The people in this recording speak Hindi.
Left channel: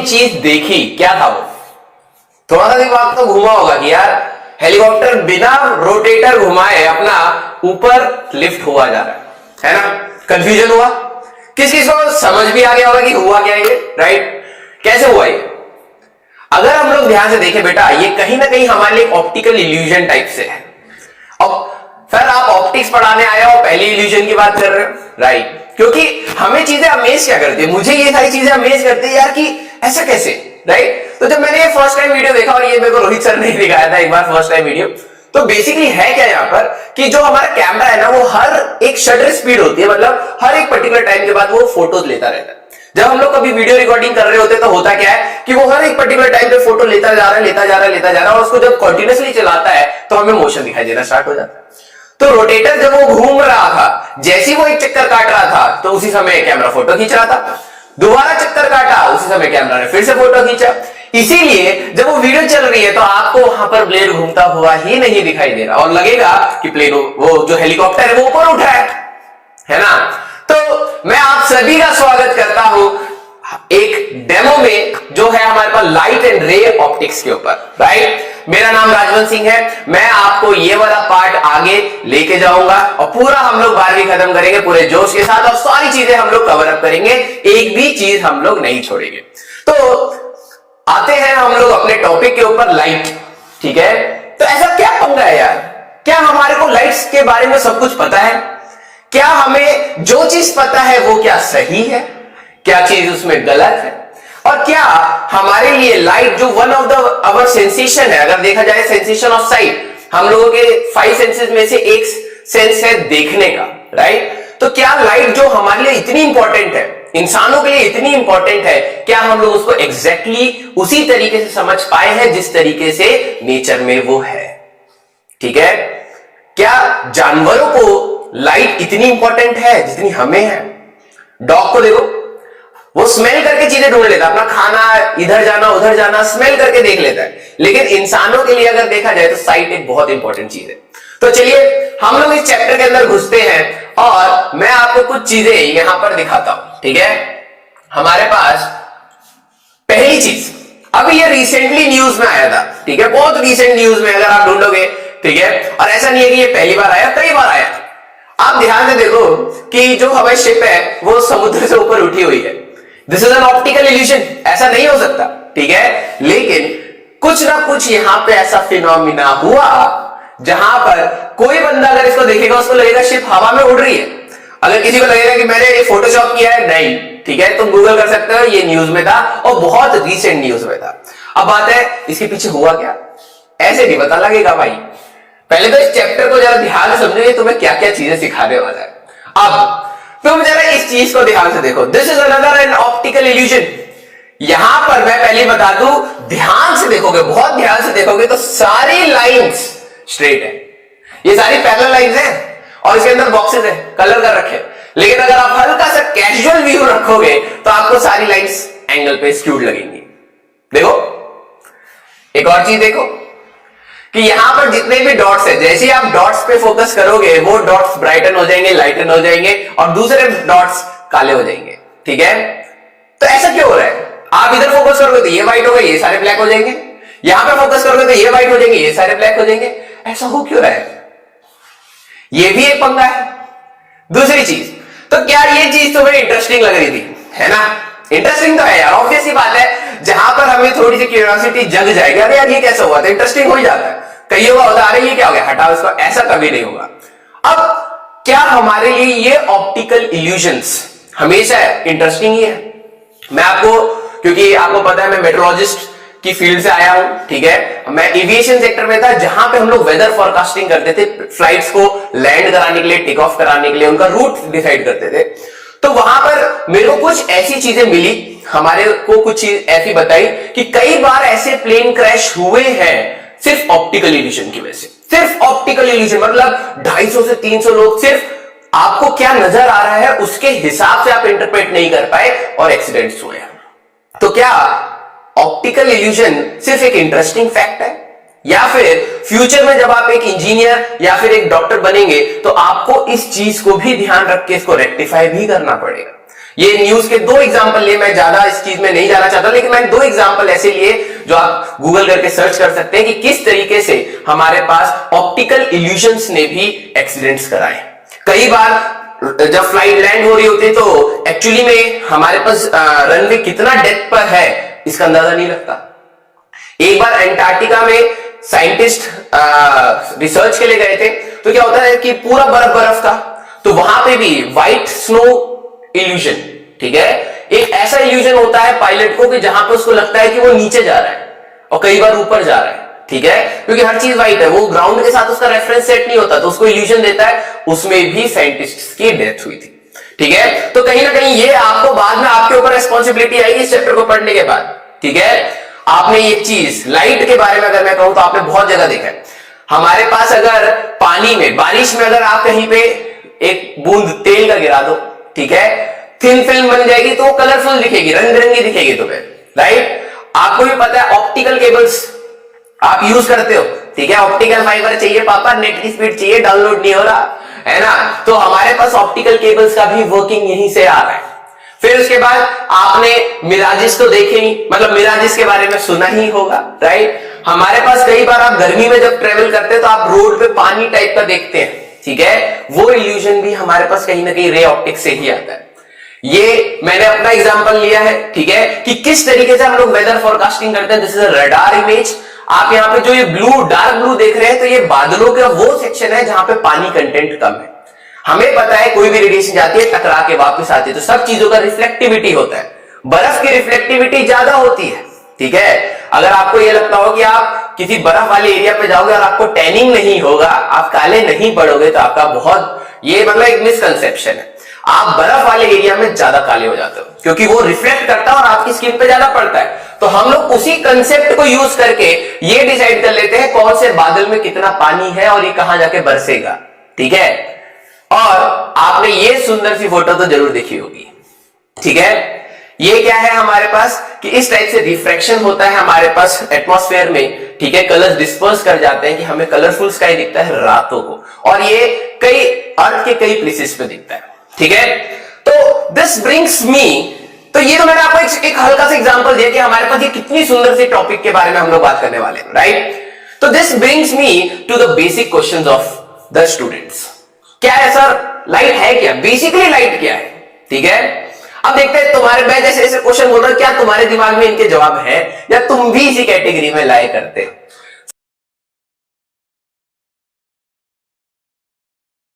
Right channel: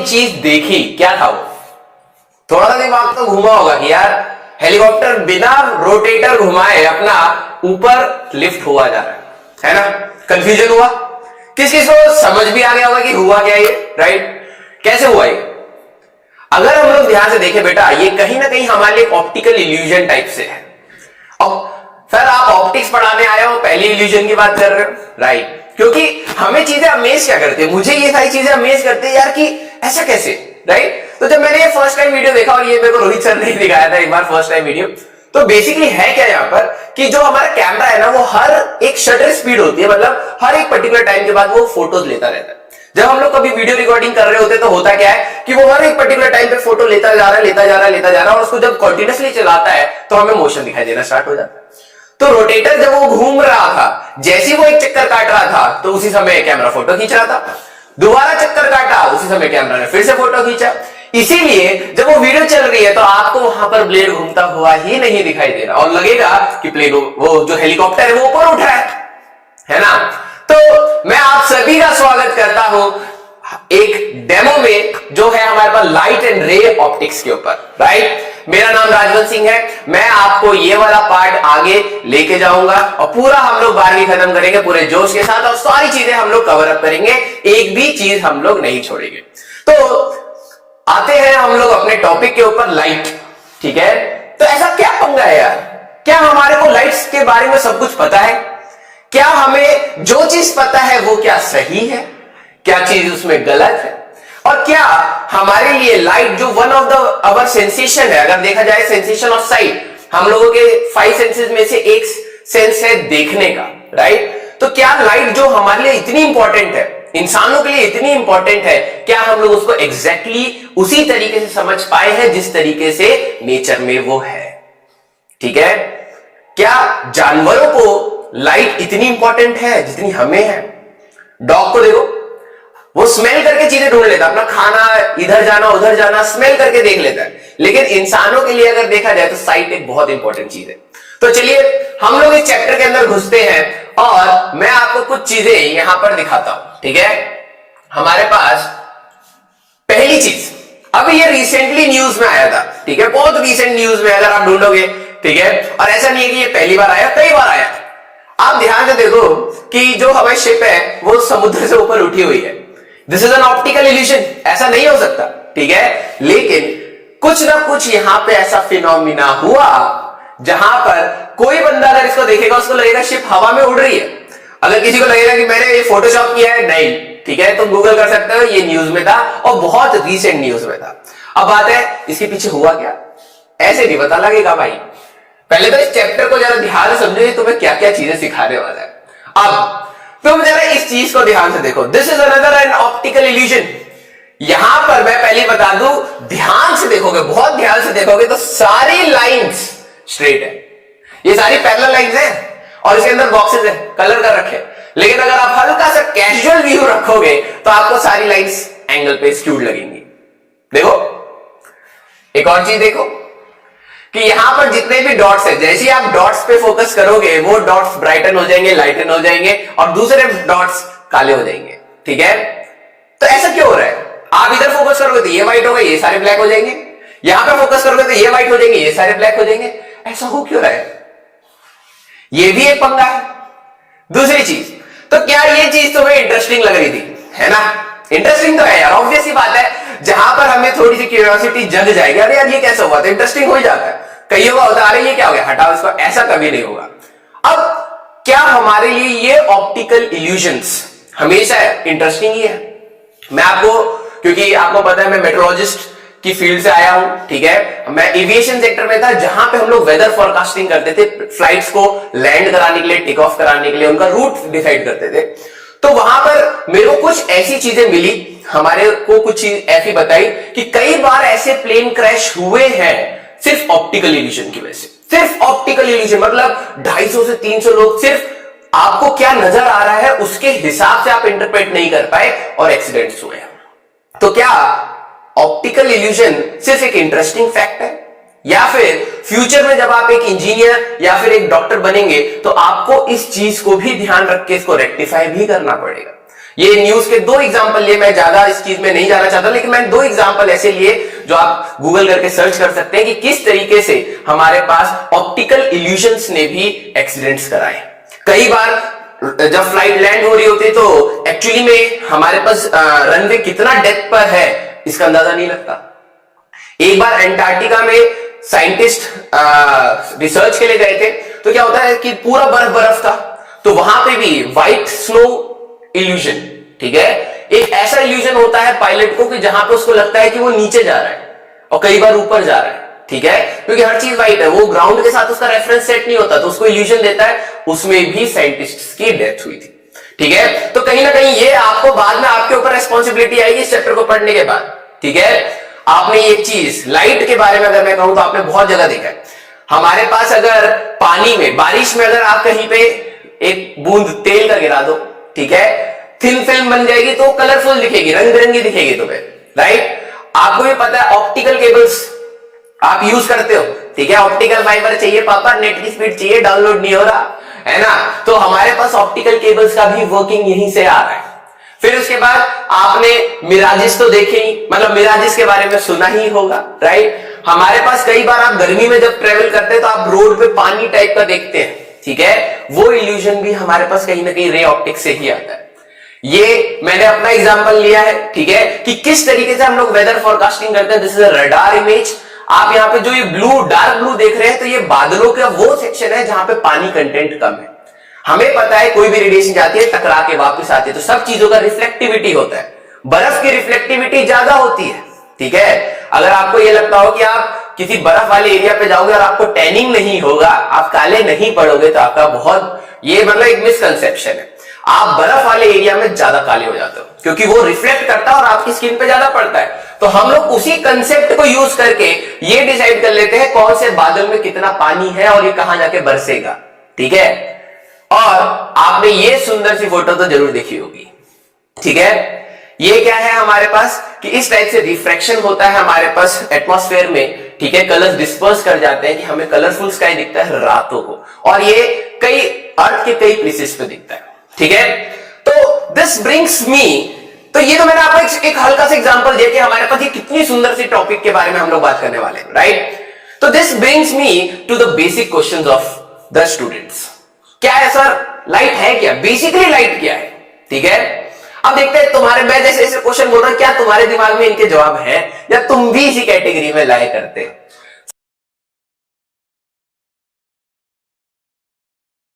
अमेजिंग चीज देखी, क्या था वो? थोड़ा सा दिमाग तो घुमा होगा कि यार हेलीकॉप्टर बिना रोटेटर घुमाए अपना ऊपर लिफ्ट हुआ जा रहा है ना? कंफ्यूजन हुआ? किस किस को समझ भी आ गया होगा कि हुआ क्या ये, राइट? कैसे हुआ ये? अगर हम लोग ध्यान से देखें बेटा, ये कहीं ना कहीं हमारे लिए ऑप्टिकल इल्यूजन टाइप से है। अब सर आप ऑप्टिक्स पढ़ाने आए हो, पहली इल्यूजन की बात कर रहे हो, राइट? क्योंकि हमें चीजें अमेज क्या करती है, मुझे ये सारी चीजें अमेज करती है यार कि ऐसा कैसे, राइट? तो जब मैंने ये फर्स्ट टाइम वीडियो देखा, और ये मेरे को रोहित सर ने दिखाया था एक बार फर्स्ट टाइम वीडियो, तो बेसिकली है क्या यहां पर कि जो हमारा कैमरा है ना, वो हर एक शटर स्पीड होती है, मतलब हर एक पर्टिकुलर टाइम के बाद वो फोटोज लेता रहता है। जब हम लोग कभी वीडियो रिकॉर्डिंग कर रहे होते हैं तो होता क्या है कि वो हर एक पर्टिकुलर टाइम पे फोटो लेता जा रहा है और उसको जब कंटिन्यूअसली चलाता है तो हमें मोशन दिखाई देना स्टार्ट हो जाता है। तो रोटेटर जब वो घूम रहा था, जैसे ही वो एक चक्कर काट रहा था तो उसी समय कैमरा फोटो खींच रहा था, दोबारा चक्कर काटा उसी समय कैमरा ने फिर से फोटो खींचा। इसीलिए जब वो वीडियो चल रही है तो आपको वहां पर ब्लेड घूमता हुआ ही नहीं दिखाई दे रहा और लगेगा कि प्लेन, वो जो हेलीकॉप्टर है वो ऊपर उठ रहा है ना? तो मैं आप सभी का स्वागत करता हूं एक डेमो में जो है हमारे पास लाइट एंड रे ऑप्टिक्स के ऊपर, राइट? मेरा नाम राजवंत सिंह है। मैं आपको ये वाला पार्ट आगे लेके जाऊंगा और पूरा हम लोग 12वीं खत्म करेंगे पूरे जोश के साथ और सारी चीजें हम लोग कवर अप करेंगे, एक भी चीज हम लोग नहीं छोड़ेंगे। तो आते हैं हम लोग अपने टॉपिक के ऊपर, लाइट, ठीक है? तो ऐसा क्या पंगा है यार? क्या हमारे को लाइट्स के बारे में सब कुछ पता है? क्या हमें जो चीज पता है वो क्या सही है, क्या चीज उसमें गलत है? और क्या हमारे लिए लाइट जो one of the our sensation है, अगर देखा जाए सेंसेशन ऑफ साइट, हम लोगों के 5 सेंसेस में से एक सेंस है देखने का, राइट? तो क्या लाइट जो हमारे लिए इतनी इंपॉर्टेंट है, इंसानों के लिए इतनी इंपॉर्टेंट है, क्या हम लोग उसको एग्जैक्टली उसी तरीके से समझ पाए हैं जिस तरीके से नेचर में वो है? ठीक है? क्या जानवरों को लाइट इतनी इंपॉर्टेंट है जितनी हमें है? डॉग को देखो, वो स्मेल करके चीजें ढूंढ लेता है, अपना खाना इधर जाना उधर जाना स्मेल करके देख लेता है। लेकिन इंसानों के लिए अगर देखा जाए तो साइट एक बहुत इंपॉर्टेंट चीज है। तो चलिए हम लोग इस चैप्टर के अंदर घुसते हैं और मैं आपको कुछ चीजें यहां पर दिखाता हूं, ठीक है? हमारे पास पहली चीज, अभी ये रिसेंटली न्यूज में आया था, ठीक है? बहुत रिसेंट न्यूज में अगर आप ढूंढोगे, ठीक है? और ऐसा नहीं है कि ये पहली बार आया, कई बार आया। आप ध्यान से देखो कि जो हवाई शिप है वो समुद्र से ऊपर उठी हुई है। This is an optical illusion, ऐसा नहीं हो सकता, ठीक है? लेकिन कुछ ना कुछ यहां पे ऐसा फिनोमिना हुआ जहां पर कोई बंदा अगर इसको देखेगा उसको लगेगा शिप हवा में उड़ रही है। अगर किसी को लगेगा कि मैंने ये फोटोशॉप किया है, नहीं, ठीक है? तुम गूगल कर सकते हो, ये न्यूज में था और बहुत रिसेंट न्यूज में था। अब बात है इसके पीछे हुआ क्या, ऐसे नहीं पता लगेगा भाई। पहले तो इस चैप्टर को जरा ध्यान से समझो, ये तुम्हें क्या क्या चीजें सिखाने वाला है। अब तुम जरा इस चीज को ध्यान से देखो, this is another an optical illusion. यहां पर मैं पहले बता दूं, ध्यान से देखोगे, बहुत ध्यान से देखोगे तो सारी लाइंस स्ट्रेट है, ये सारी पैरेलल लाइंस हैं और इसके अंदर बॉक्सेस है, कलर कर रखे। लेकिन अगर आप हल्का सा कैजुअल व्यू रखोगे तो आपको सारी लाइंस एंगल पे स्क्यूड लगेंगी। देखो एक और चीज देखो कि यहां पर जितने भी डॉट्स है, जैसे ही आप डॉट्स पे फोकस करोगे वो डॉट्स ब्राइटन हो जाएंगे, लाइटन हो जाएंगे और दूसरे डॉट्स काले हो जाएंगे, ठीक है? तो ऐसा क्यों हो रहा है? आप इधर फोकस करोगे तो ये व्हाइट हो गए, ये सारे ब्लैक हो जाएंगे, यहां पे फोकस करोगे तो ये व्हाइट हो जाएंगे, ये सारे ब्लैक हो जाएंगे। ऐसा हो क्यों रहा है? ये भी एक पंगा है। दूसरी चीज, तो क्या ये चीज तुम्हें इंटरेस्टिंग लग रही थी, है ना? इंटरेस्टिंग तो है यार, ऑब्वियस सी बात है। जहां पर हमें थोड़ी सी क्यूरियोसिटी जग जाएगी, अरे यार ये कैसा हुआ, तो इंटरेस्टिंग हो ही जाता है। कईयों का होता है अरे ये क्या हो गया, हटाओ इसको, ऐसा कभी नहीं होगा। अब क्या हमारे लिए ये ऑप्टिकल इल्यूजन्स हमेशा इंटरेस्टिंग ही है? मैं आपको, क्योंकि आपको पता है मैं मेट्रोलॉजिस्ट की फील्ड से आया हूं, ठीक है? मैं एविएशन सेक्टर में था जहां पे हम लोग वेदर फोरकास्टिंग करते थे, फ्लाइट्स को लैंड कराने के लिए, टेक ऑफ कराने के लिए, उनका रूट डिसाइड करते थे। तो वहां पर मेरे को कुछ ऐसी चीजें मिली, हमारे को कुछ चीज ऐसी बताई कि कई बार ऐसे प्लेन क्रैश हुए हैं सिर्फ ऑप्टिकल इल्यूजन की वजह से। सिर्फ ऑप्टिकल इल्यूजन मतलब 250 से 300 लोग, सिर्फ आपको क्या नजर आ रहा है उसके हिसाब से आप इंटरप्रेट नहीं कर पाए और एक्सीडेंट्स हुए। तो क्या ऑप्टिकल इल्यूजन सिर्फ एक इंटरेस्टिंग फैक्ट है, या फिर फ्यूचर में जब आप एक इंजीनियर या फिर एक डॉक्टर बनेंगे तो आपको इस चीज को भी ध्यान रख के इसको रेक्टिफाई भी करना पड़ेगा? ये न्यूज के 2 एग्जांपल लिए, मैं ज्यादा इस चीज में नहीं जाना चाहता, लेकिन मैंने 2 एग्जांपल ऐसे लिए जो आप गूगल करके सर्च कर सकते हैं कि किस तरीके से हमारे पास ऑप्टिकल इल्यूजन्स ने भी एक्सीडेंट्स कराए। कई बार जब फ्लाइट लैंड हो रही होती है तो एक्चुअली में हमारे पास रनवे कितना डेप्थ पर है इसका अंदाजा नहीं लगता। एक बार एंटार्क्टिका में साइंटिस्ट रिसर्च के लिए गए थे, तो क्या होता है कि पूरा बर्फ बर्फ था, तो वहां पे भी व्हाइट स्नो इल्यूजन, ठीक है, एक ऐसा इल्यूजन होता है पायलट को कि जहां पे उसको लगता है कि वो नीचे जा रहा है और कई बार ऊपर जा रहा है, ठीक है, क्योंकि हर चीज व्हाइट है, वो ग्राउंड के साथ उसका रेफरेंस सेट नहीं होता, तो उसको इल्यूजन देता है। उसमें भी साइंटिस्ट की डेथ हुई थी, ठीक है। तो कहीं ना कहीं ये आपको बाद में आपके ऊपर रिस्पॉन्सिबिलिटी आएगी इस चैप्टर को पढ़ने के बाद, ठीक है। आपने एक चीज लाइट के बारे में अगर मैं कहूं तो आपने बहुत जगह देखा है, हमारे पास अगर पानी में बारिश में अगर आप कहीं पे एक बूंद तेल का गिरा दो, ठीक है, थिन फिल्म बन जाएगी तो कलरफुल दिखेगी, रंग बिरंगी दिखेगी तुम्हें, राइट। आपको भी पता है ऑप्टिकल केबल्स आप यूज करते हो, ठीक है, ऑप्टिकल फाइबर चाहिए पापा, नेट की स्पीड चाहिए, डाउनलोड नहीं हो रहा है ना, तो हमारे पास ऑप्टिकल केबल्स का भी वर्किंग यहीं से आ रहा है। फिर उसके बाद आपने मिराजिस तो देखे ही, मतलब मिराजिस के बारे में सुना ही होगा, राइट। हमारे पास कई बार आप गर्मी में जब ट्रेवल करते हैं तो आप रोड पे पानी टाइप का देखते हैं, ठीक है, वो इल्यूजन भी हमारे पास कहीं ना कहीं रे ऑप्टिक से ही आता है। ये मैंने अपना एग्जांपल लिया है, ठीक है, कि किस तरीके से हम लोग वेदर फोरकास्टिंग करते हैं। This is a radar image. आप यहां पे जो ये ब्लू, डार्क ब्लू देख रहे हैं, तो ये बादलों का वो सेक्शन है जहां पे पानी कंटेंट कम है। हमें पता है कोई भी रेडिएशन जाती है टकरा के वापस आती है, तो सब चीजों का रिफ्लेक्टिविटी होता है। बर्फ की रिफ्लेक्टिविटी ज्यादा होती है, ठीक है। अगर आपको यह लगता हो कि आप किसी बर्फ वाले एरिया पे जाओगे और आपको टैनिंग नहीं होगा, आप काले नहीं पड़ोगे, तो आपका बहुत, ये मतलब एक मिसकंसेप्शन है। आप बर्फ वाले एरिया में ज्यादा काले हो जाते हो क्योंकि वो रिफ्लेक्ट करता है और आपकी स्किन पे ज्यादा पड़ता है। तो हम लोग उसी कंसेप्ट को यूज करके ये डिसाइड कर लेते हैं कौन से बादल में कितना पानी है और ये कहां जाके बरसेगा, ठीक है। और आपने ये सुंदर सी फोटो तो जरूर देखी होगी, ठीक है। ये क्या है हमारे पास कि इस टाइप से रिफ्रैक्शन होता है हमारे पास एटमॉस्फेयर में, ठीक है, कलर्स डिस्पर्स कर जाते हैं कि हमें कलरफुल स्काई दिखता है रातों को, और ये कई अर्थ के कई प्लेसेस पे दिखता है, ठीक है। तो दिस ब्रिंग्स मी, तो ये तो मैंने आपको एक हल्का सा एग्जांपल दिया कि हमारे पास ये कितनी सुंदर सी टॉपिक के बारे में हम लोग बात करने वाले हैं, राइट। तो this brings me to the basic questions of the students. क्या है सर, लाइट है क्या, बेसिकली लाइट क्या है, ठीक है। अब देखते हैं तुम्हारे, मैं जैसे ऐसे क्वेश्चन बोल रहा हूं, क्या तुम्हारे दिमाग में इनके जवाब है या तुम भी इसी कैटेगरी में लाए करते हो।